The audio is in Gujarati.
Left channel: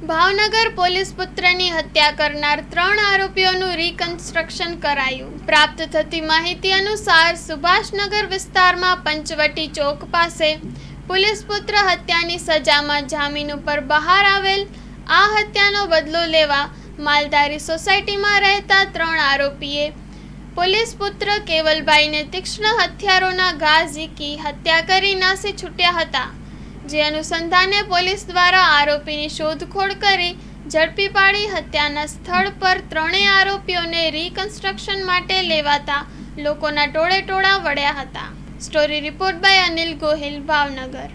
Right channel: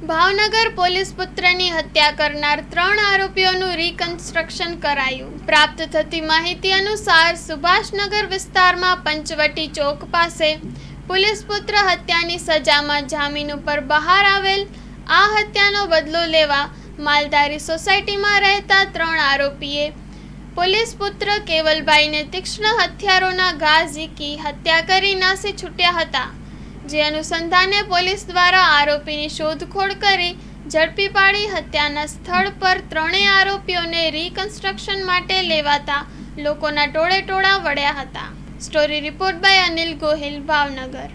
ભાવનગર પોલીસ પુત્રની હત્યા કરનાર 3 આરોપીઓનું રિકન્સ્ટ્રક્શન કરાયું। પ્રાપ્ત થતી માહિતી અનુસાર સુભાષનગર વિસ્તારમાં પંચવટી ચોક પાસે પોલીસ પુત્ર હત્યાની સજામાં જામીન ઉપર બહાર આવેલ આ હત્યાનો બદલો લેવા માલધારી સોસાયટીમાં રહેતા 3 આરોપીએ પોલીસ પુત્ર કેવલભાઈને તીક્ષ્ણ હથિયારોના ઘા ઝીકી હત્યા કરી નાસી છૂટ્યા હતા। જે અનુસંધાને પોલીસ દ્વારા આરોપીની શોધખોળ કરી ઝડપી પાડી હત્યાના સ્થળ પર 3 આરોપીઓને રિકન્સ્ટ્રક્શન માટે લેવાતા લોકોના ટોળે ટોળા વળ્યા હતા। Story report by Anil Gohil, Bhavnagar.